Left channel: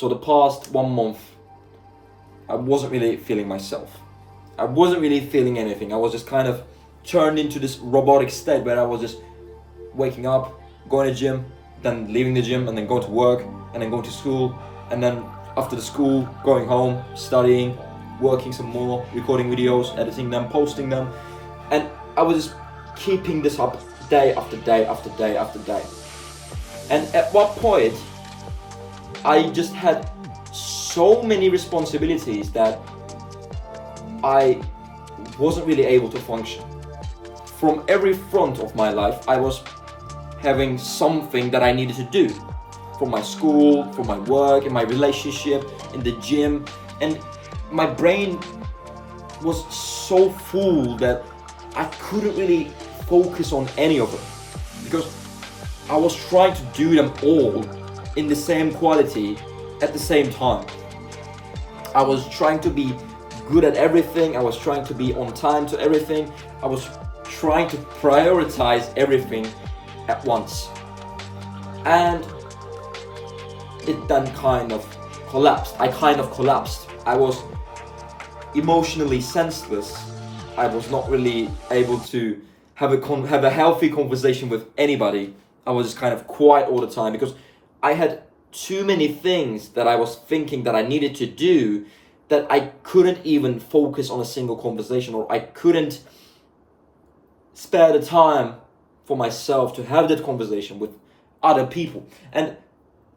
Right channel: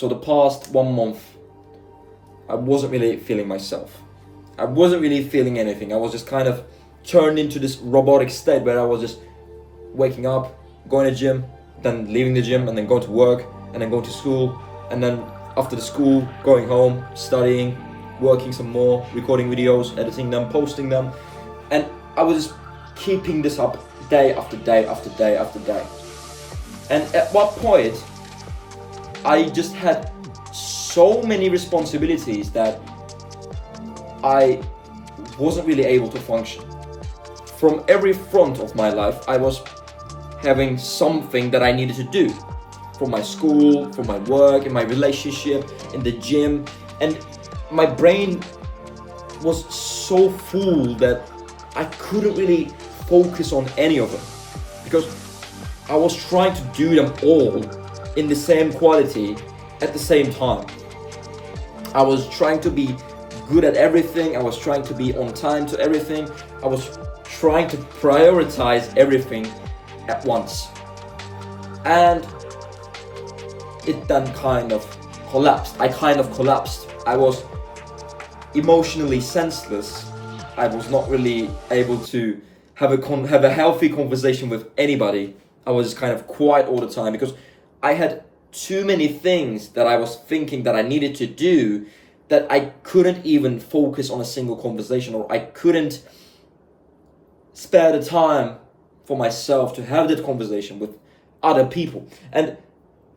So the past 1 month, I wasn't really feeling myself. I wasn't really feeling anything. I was just kind of turned into this robotic state where I was just waking up, going to the gym, then leaving the gym, and then going to work, and then going to school, and then after the school, going home, studying, working some more, recording videos, editing them, posting them, and I was just keeping this up day after day after day after day. And at what point, I just had so many responsibilities that I wasn't really able to function. From every front of my life, I was having something that I needed to do. From my school, from my work, in my relationship, in the gym. And my brain was so full that I couldn't really focus on any of them. Because I was trying to do them all in the same quality at the same time. I was trying to be good at everything. I was trying to be on time to everything. I was trying to prioritize everything at once. And it then kind of collapsed. I kind of collapsed. I was emotionally senseless. I was not really able to have a healthy conversation with anybody. I was just kind of quiet all the time because I had too many things that I was thinking that I needed to do that I couldn't even focus on a single conversation, or I couldn't spare the time for myself to have that conversation with other people. And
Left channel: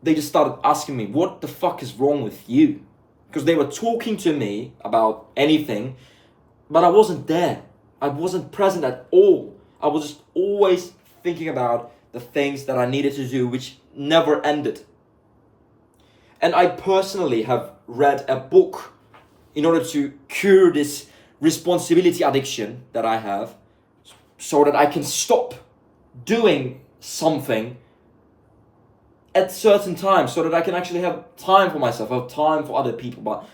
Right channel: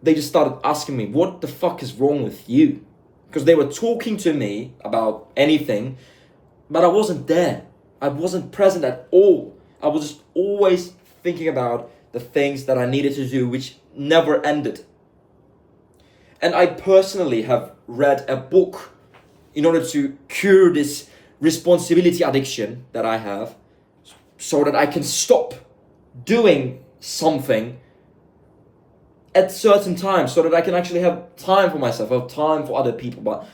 they just started asking me, what the fuck is wrong with you? Because they were talking to me about anything, but I wasn't there. I wasn't present at all. I was just always thinking about the things that I needed to do, which never ended. And I personally have read a book in order to cure this responsibility addiction that I have, so that I can stop doing something at certain times, so that I can actually have time for myself, have time for other people. But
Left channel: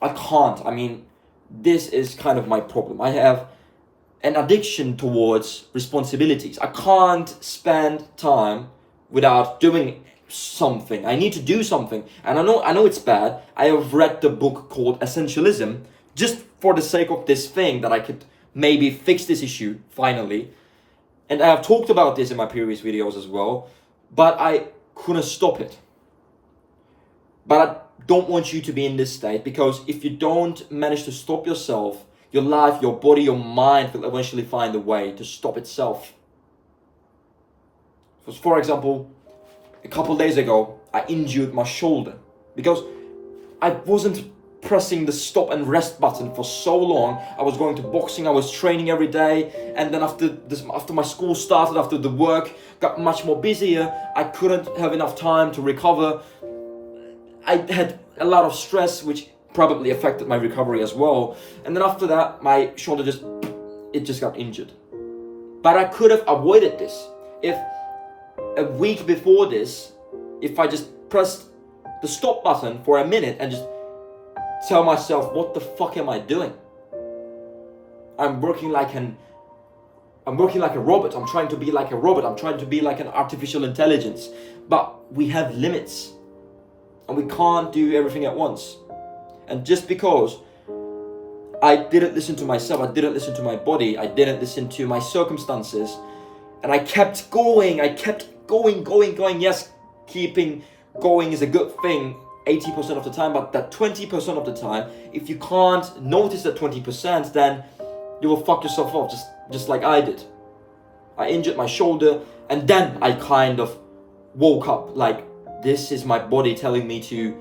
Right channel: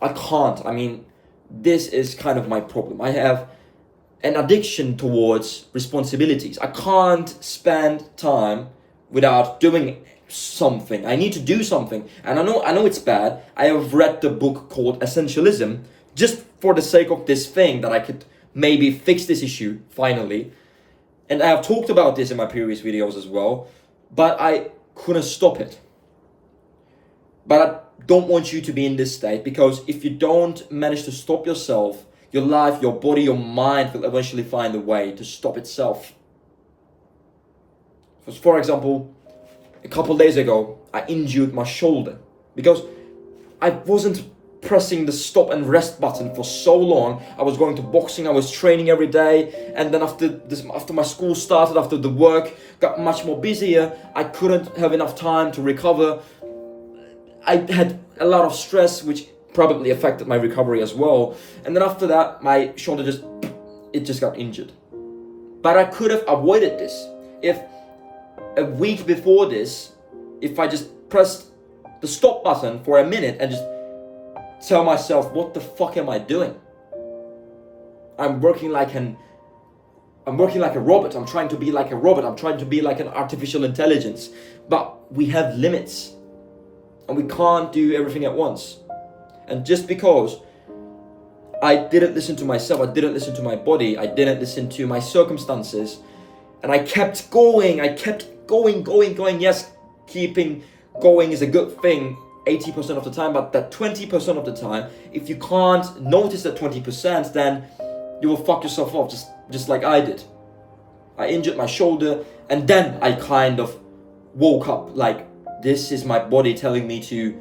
I can't. I mean, this is kind of my problem. I have an addiction towards responsibilities. I can't spend time without doing something. I need to do something. And I know it's bad. I have read the book called Essentialism just for the sake of this thing, that I could maybe fix this issue finally. And I have talked about this in my previous videos as well, but I couldn't stop it. But I don't want you to be in this state, because if you don't manage to stop yourself, your life, your body, your mind will eventually find a way to stop itself. For example, a couple days ago, I injured my shoulder because I wasn't pressing the stop and rest button for so long. I was going to boxing, I was training every day, and then after my school started, after the work got much more busier, I couldn't have enough time to recover. I had a lot of stress, which probably affected my recovery as well. And then after that, my shoulder just got injured. But I could have avoided this if a week before this, if I just pressed the stop button for a minute and just tell myself, what the fuck am I doing? I'm working like a robot. I'm trying to be like a robot. I'm trying to be like an artificial intelligence. But we have limits, and we can't do everything at once. And just because I didn't listen to myself, I didn't listen to my body, I didn't listen to my circumstances, and I kept going. Yes, keeping going is a good thing 80% of the time, but that 20% of the time, if you can't notice that 20%, then you will fuck yourself up, just like I did. I injured my shoulder, and then I kind of woke up like, this is my body telling me to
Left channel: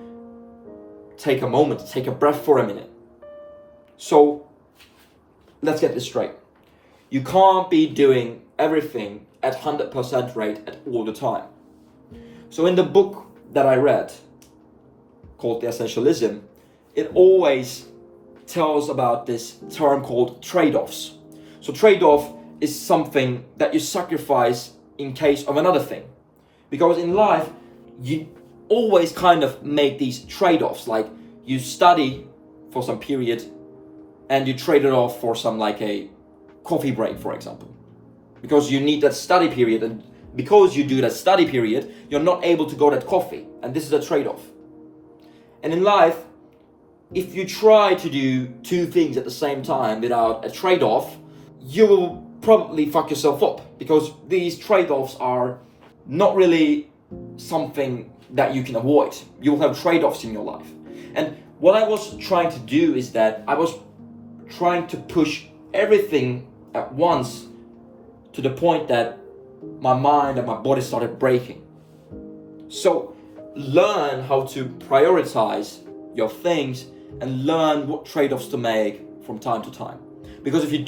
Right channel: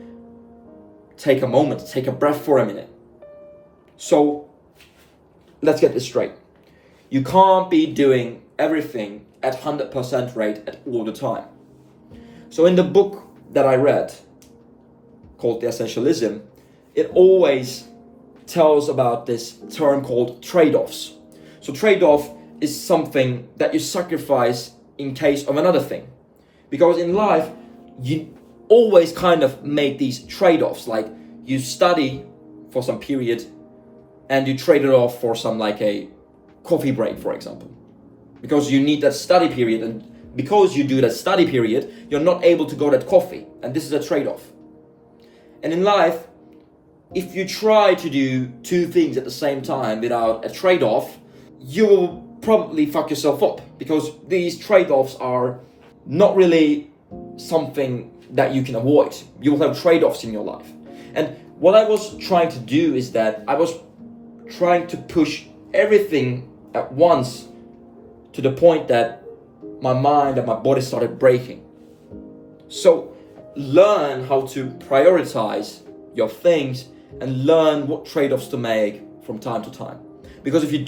take a moment, to take a breath for a minute. So let's get this straight. You can't be doing everything at 100% rate at all the time. So in the book that I read, called the Essentialism, it always tells about this term called trade-offs. So trade-off is something that you sacrifice in case of another thing. Because in life, you always kind of make these trade-offs, like you study for some period and you trade it off for some, like a coffee break, for example, because you need that study period, and because you do that study period, you're not able to go to that coffee, and this is a trade-off. And in life, if you try to do two things at the same time without a trade-off, you will probably fuck yourself up, because these trade-offs are not really something that you can avoid. You will have trade-offs in your life. And what I was trying to do is that I was trying to push everything at once to the point that my mind and my body started breaking. So learn how to prioritize your things and learn what trade-offs to make from time to time. Because if you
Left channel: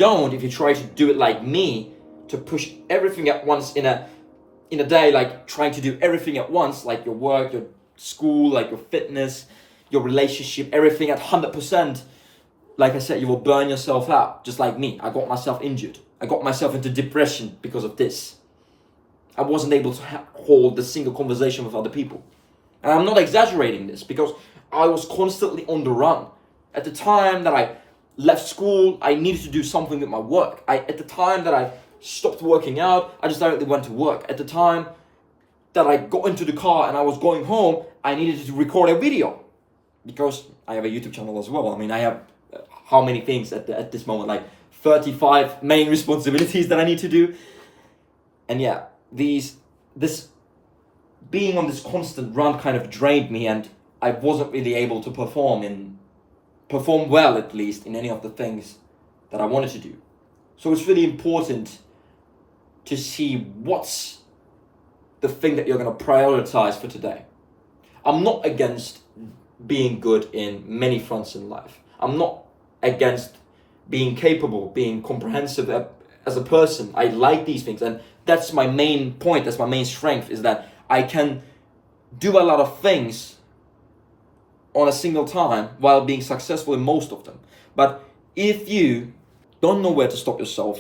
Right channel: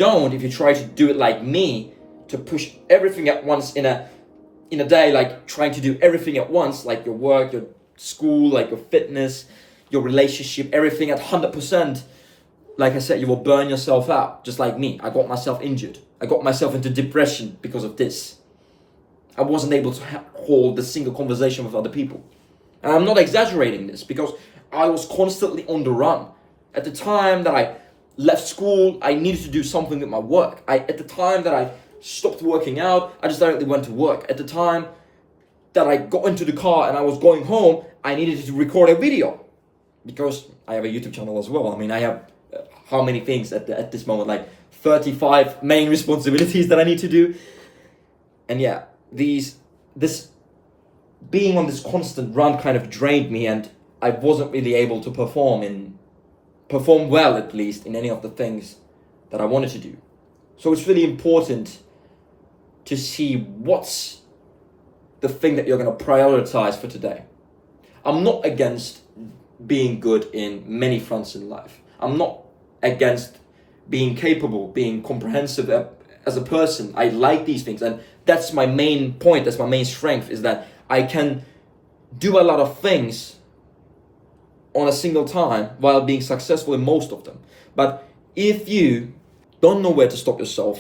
try to do it like me, to push everything at once in a day, like trying to do everything at once, like your work, your school, like your fitness, your relationship, everything at 100%, like I said, you will burn yourself out, just like me. I got myself injured. I got myself into depression because of this. I wasn't able to hold a single conversation with other people. And I'm not exaggerating this, because I was constantly on the run. At the time that I left school, I needed to do something with my work. At the time that I stopped working out, I just directly went to work. At the time that I got into the car and I was going home, I needed to record a video, because I have a YouTube channel as well. I mean, I have how many things at this moment, like 35 main responsibilities that I need to do. And yeah, this being on this constant run kind of drained me, and I wasn't really able to perform well, at least, in any of the things that I wanted to do. So it's really important to see what's the thing that you're going to prioritize for today. I'm not against being good in many fronts in life. I'm not against being capable, being comprehensive as a person. I like these things, and that's my main point, that's my main strength, is that I can do a lot of things on a single time while being successful in most of them. But if you don't know where to stop yourself,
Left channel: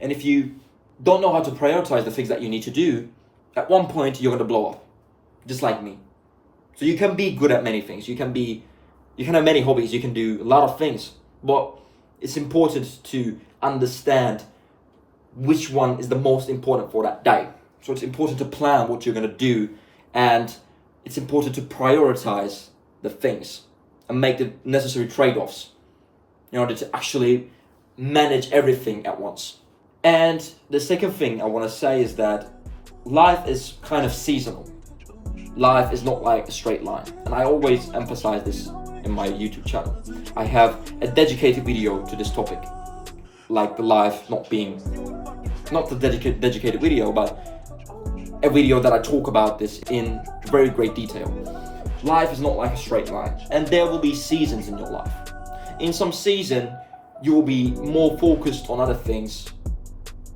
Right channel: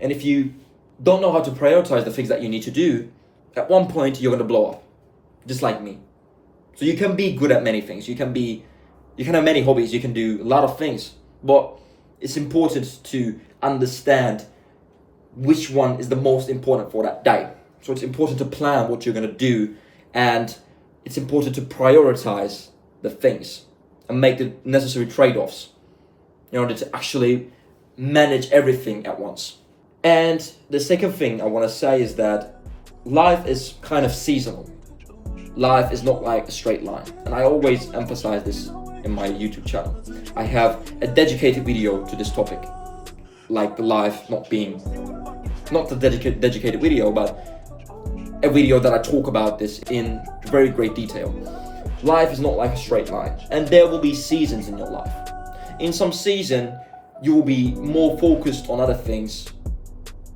and if you don't know how to prioritize the things that you need to do, at one point you're going to blow up, just like me. So you can be good at many things. You can have many hobbies. You can do a lot of things. But it's important to understand which one is the most important for that day. So it's important to plan what you're going to do, and it's important to prioritize the things and make the necessary trade-offs in order to actually manage everything at once. And the second thing I want to say is that life is kind of seasonal. Life is not like a straight line. And I always emphasize this in my YouTube channel. I have a dedicated video to this topic, like the life not the dedicated video, but a video that I talk about this in very great detail. Life is not like a straight line, and there will be seasons in your life. In some season, you will be more focused on other things,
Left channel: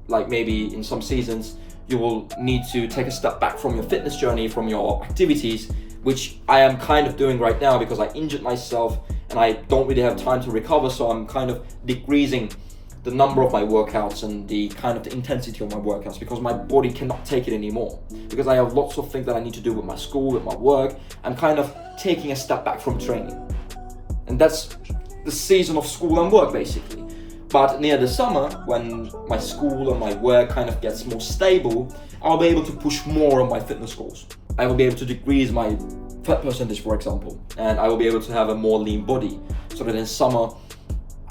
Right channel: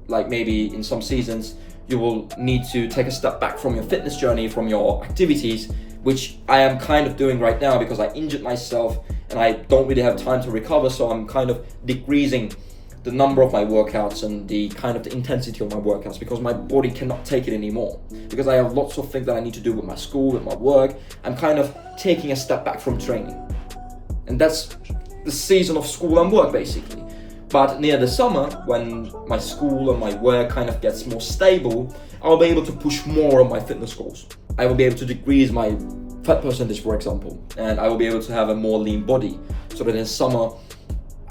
like maybe in some seasons, you will need to take a step back from your fitness journey, from your activities, which I am kind of doing right now because I injured myself and I don't really have time to recover, so I'm kind of decreasing the number of my workouts and the kind of the intensity of my workouts, because my body cannot take it anymore. Because I have lots of things that I need to do with my school, with my work. I'm kind of taking a step back from training. And that's the season of school and work, basically. But near the summer, when my school and my work kind of gets more stable, I'll be able to push more on my fitness goals. I will be able to decrease my fat percentage, for example, and I will be able to have a more lean body, so that in summer,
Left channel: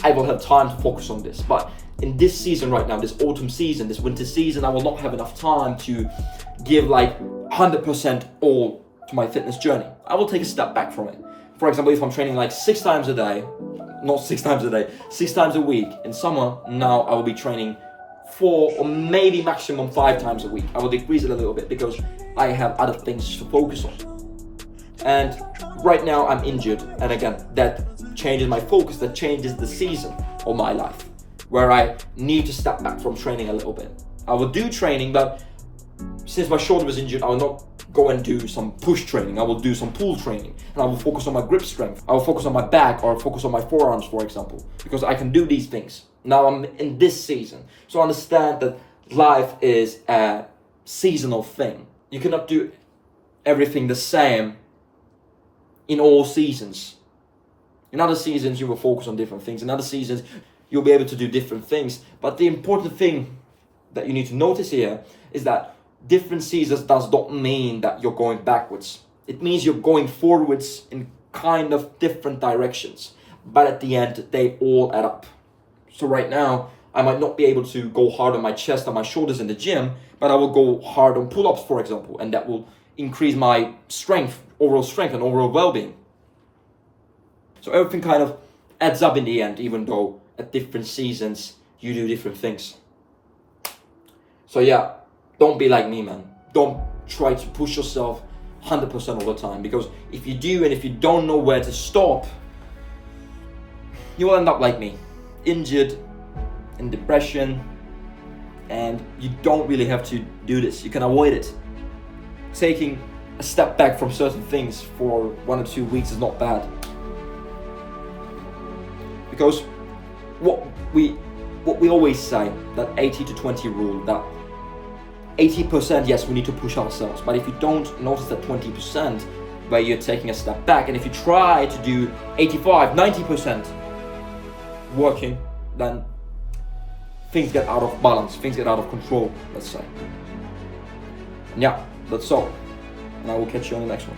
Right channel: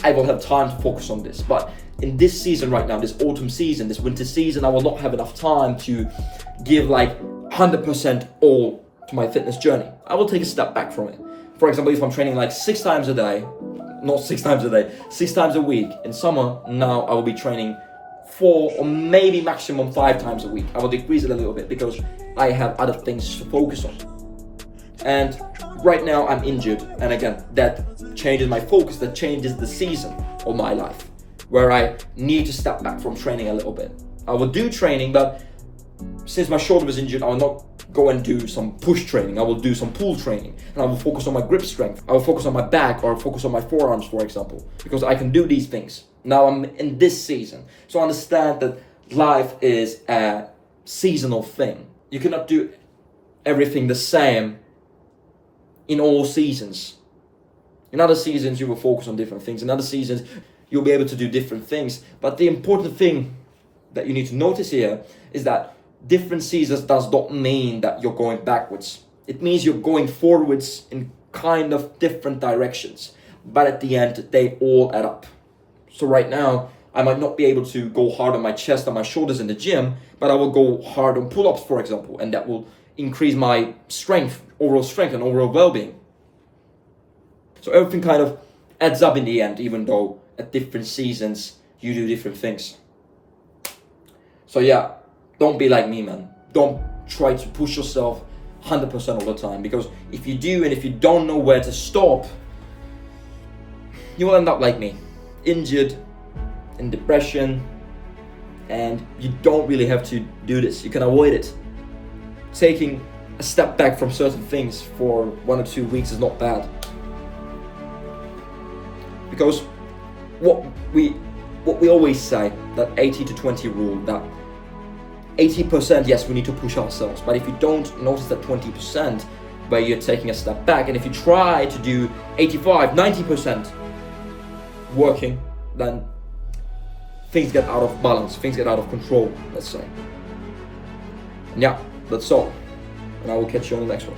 I will have time to focus on this. But in this season right now, this autumn season, this winter season, I will not have enough time to give like 100% all to my fitness journey. I will take a step back from it. For example, if I'm training like 6 times a day, not 6 times a day, 6 times a week in summer, now I will be training 4 or maybe maximum 5 times a week. I will decrease it a little bit because I have other things to focus on. And right now I'm injured, and again, that changes my focus, that changes the season of my life, where I need to step back from training a little bit. I will do training, but since my shoulder was injured, I will not go and do some push training. I will do some pull training, and I will focus on my grip strength. I will focus on my back, or focus on my forearms, for example, because I can do these things. Now I'm in this season. So understand that life is a seasonal thing. You cannot do everything the same in all seasons. In other seasons, you will focus on different things. In other seasons, you'll be able to do different things. But the important thing that you need to notice here is that different seasons does not mean that you're going backwards. It means you're going forwards in kind of different directions, but at the end they all add up. So right now I might not be able to go hard on my chest and my shoulders in the gym, but I will go hard on pull-ups, for example, and that will increase my strength and overall well-being. So everything kind of adds up in the end, even though at different seasons you do different things. So yeah, don't be like me, man. Don't try to push yourself 100% all the time, because if you do and if you don't know where to stop, you will end up like me, injured, in depression, and you don't really have to do this. You can avoid it. Taking a step back from certain things for 1 or 2 weeks is not bad. Because what we always say, that 80 to 20 rule, that 80%, yes, we need to push ourselves, but if you don't notice that 20% where you're taking a step back, and if you try to do 85, 90% working, then things get out of balance, things get out of control, let's say. And yeah, that's all. And I will catch you on the next one.